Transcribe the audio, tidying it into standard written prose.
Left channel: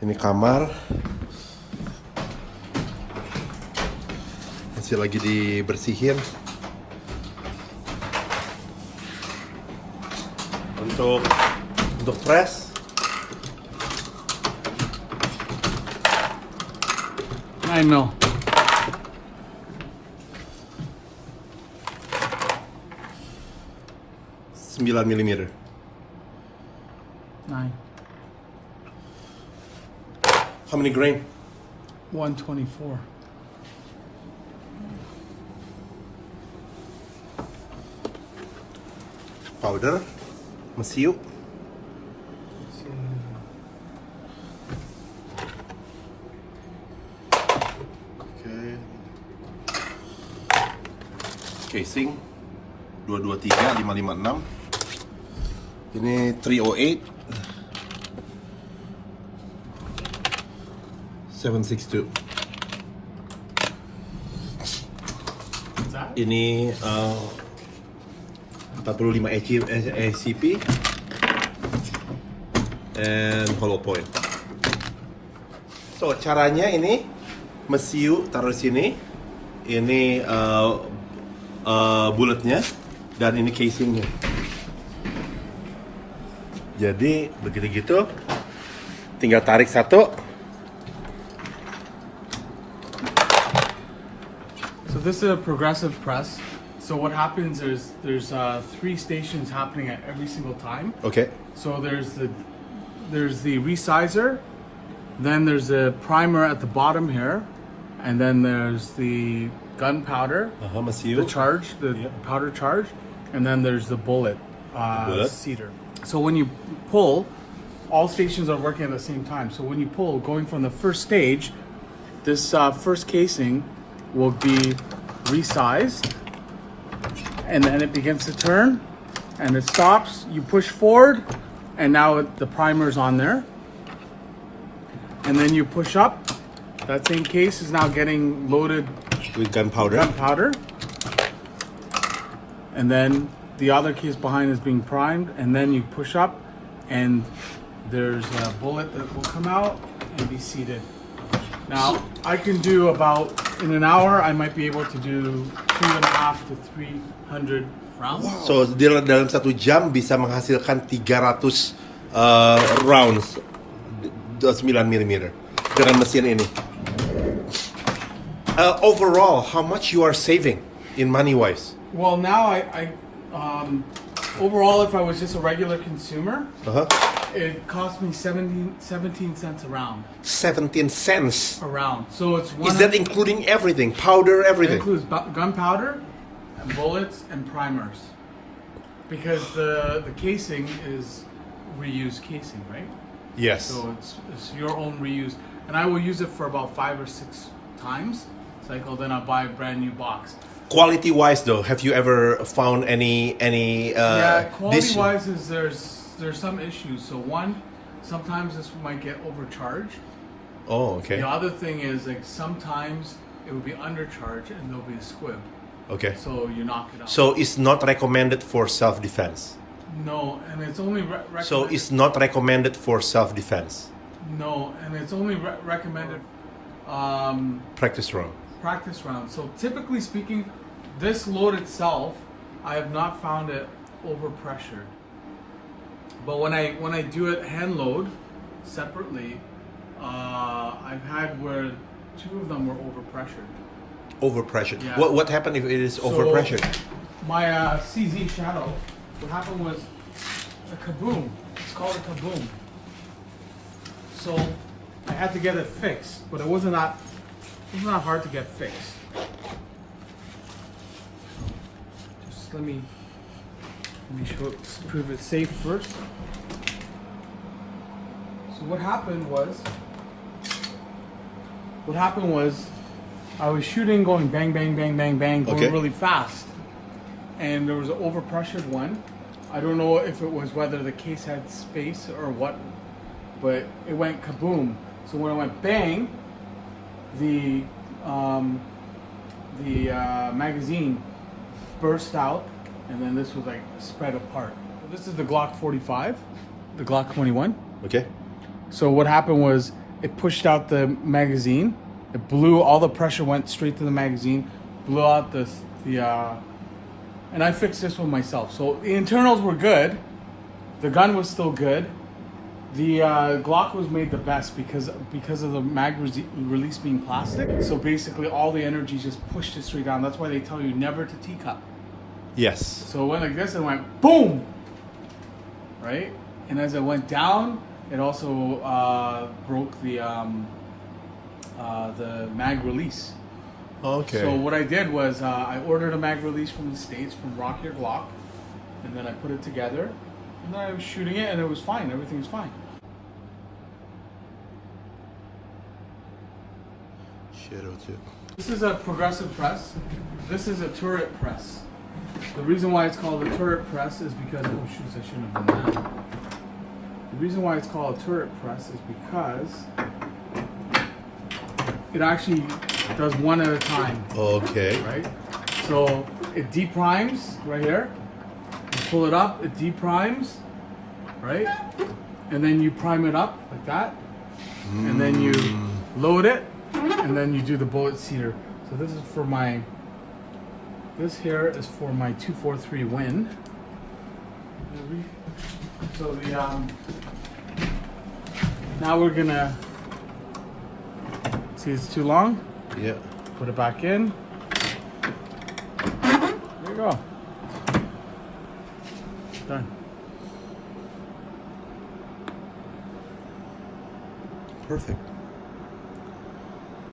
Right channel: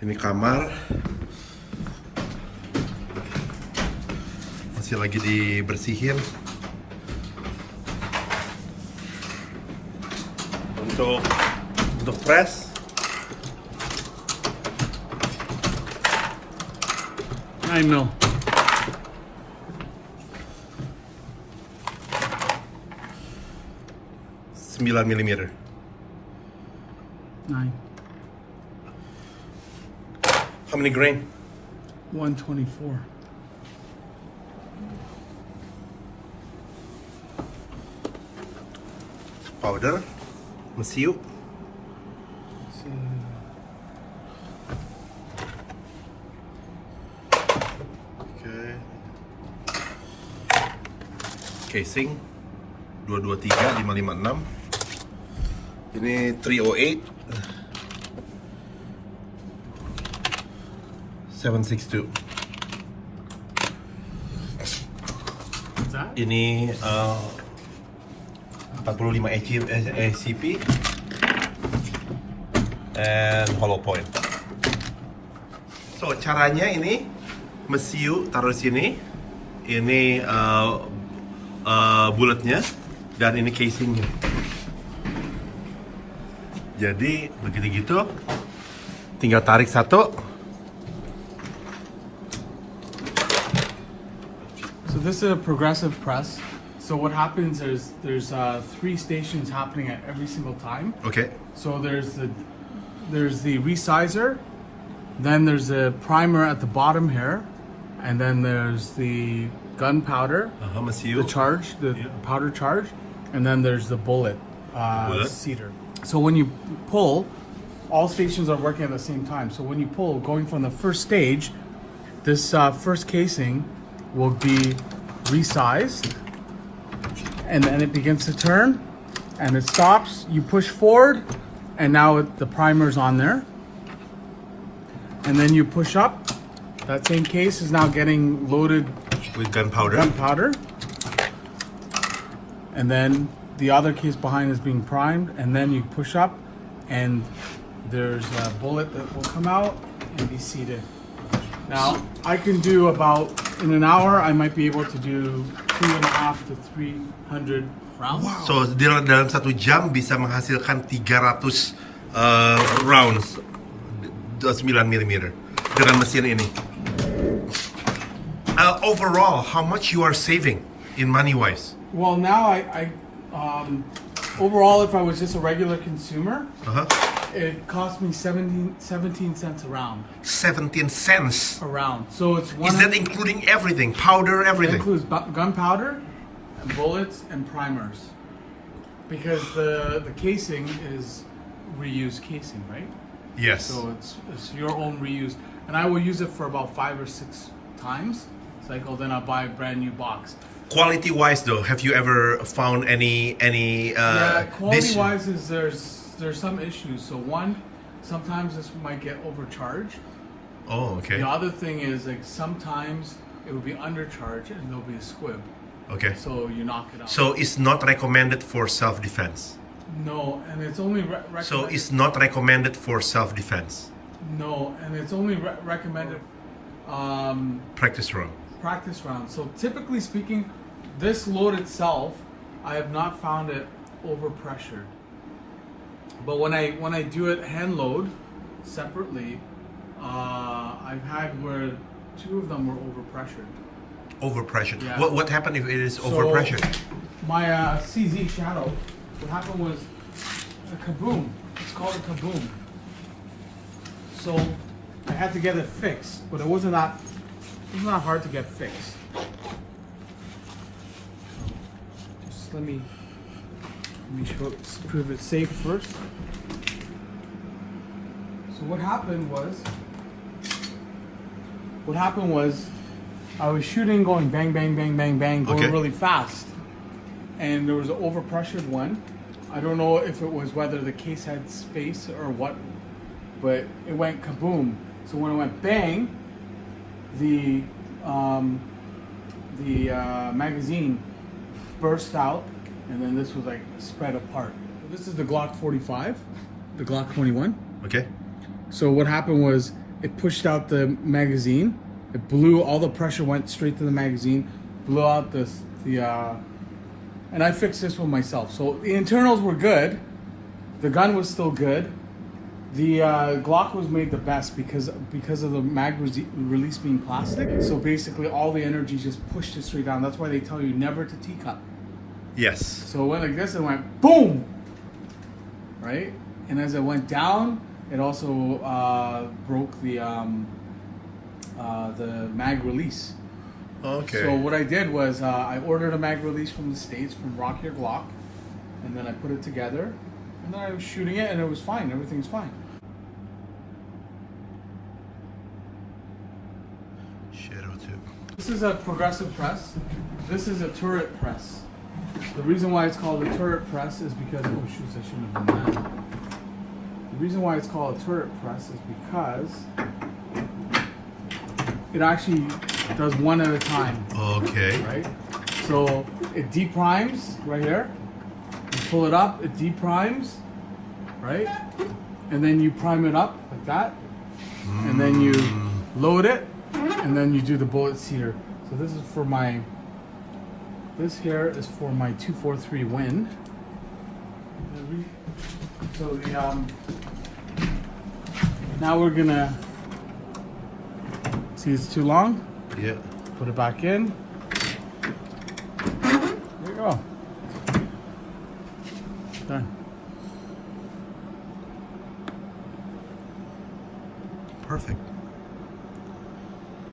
Ini kamar. Masih lagi dibersihin. Untuk press. I know. $9 mm. Nine. How many grain? 124. Powder. Mesiu. Let's see. Okay. Casing 223 556. Ini 308 762. Ini 45 ACP and hollow point. So caranya ini mesiu taruh sini, ini bulletnya, dan ini casingnya. Jadi begitu gitu, tinggal tarik satu. So this is a progressive press. So what happens is there's 3 stations happening at every single time. Okay. So there's the resizer, then there's the primer at the bottom here, and then there's the gunpowder, Mesiu. the charge, the powder charge, and then there's the bullet, cedar. So when you pull, all stations are working at the same time. So when you pull, going from the first stage, this first casing will be resized, and then it begins to turn, and it stops. You push forward, and now the primer's on there, and then you push up. That same case is now getting loaded With gunpowder. and then the other case behind is being primed, and then you push up, and there's a bullet that will come out and be seated. Now, I can do about, in an hour, I might be able to do 2.5 to 300 rounds. Wow. So dalam 1 jam bisa menghasilkan 300 rounds 9 mm dengan mesin ini. Overall, how much you are saving in money wise? Well, now overall, if I was just a regular consumer, it cost me 17 cents a round. 17 cents. A round. So it's Is that including everything? Powder, It everything? includes gunpowder, and bullets, and primers. Because the casing is reused casing, right? Yes. So it's your own reuse, and I will use it for about 5 or 6 times. Cycle, then I'll buy a brand new box. Quality wise though, have you ever found any Quality wise is there's some issues. So one, sometimes this might get overcharged. Oh, okay. The other thing is, like, sometimes it will be undercharged and there'll be a squib. Okay. So you knock it out. So it's not recommended for self-defense. No, and it's only recommended. So it's not recommended for self-defense. No, and it's only recommended Practice run. practice rounds. So typically speaking, this load itself, I have not found it overpressured. But when I do it hand load separately, I've had where 2 of them were overpressured. Overpressured. Yeah. What happened if it is overpressured? My CZ Shadow, what happened was a kaboom. It's called a kaboom. So I had to get it fixed, but it wasn't that hard to get fixed. Just let me prove it safe first. So what happened was I was shooting, going bang, bang, bang, bang, bang, going really fast. And there was an overpressured one. I don't know if it was whether the case had space or what, but it went kaboom. So when it went bang, the magazine burst out, and then this was like spread apart. So this is the Glock 45, the Glock 21. Okay. So what happened was it pushed out the magazine. It blew, all the pressure went straight to the magazine, blew out and I fixed this one myself. So the internals were good. The gun was still good. The Glock was made the best because of the mag release being plastic. So basically all the energy just pushed it straight down. That's why they tell you never to T-cup. Yes. So it went like this and went boom, right? And as it went down, it also broke the mag release. Okay. So what I did was I ordered a mag release from the States, from Rock Your Glock, and then I put it together, and then I was shooting it, and it was fine. Everything's fine. Shadow too. This is a progressive press. This is a turret press. The reason why it's called a turret press is because, oh shoot, I shouldn't have done that. The reason why it's called a turret press is because it actually does one at a time. Okay. Right? So it deprimes right here. You pull it up, it deprimes, right? And then you prime it up like that. And then you load it, and then you do the bullet sear. So this is for my, this here is for my 243 Win. So the now we're gonna see, it's too long. Yeah. Put it back in. There you go. Done. Perfect.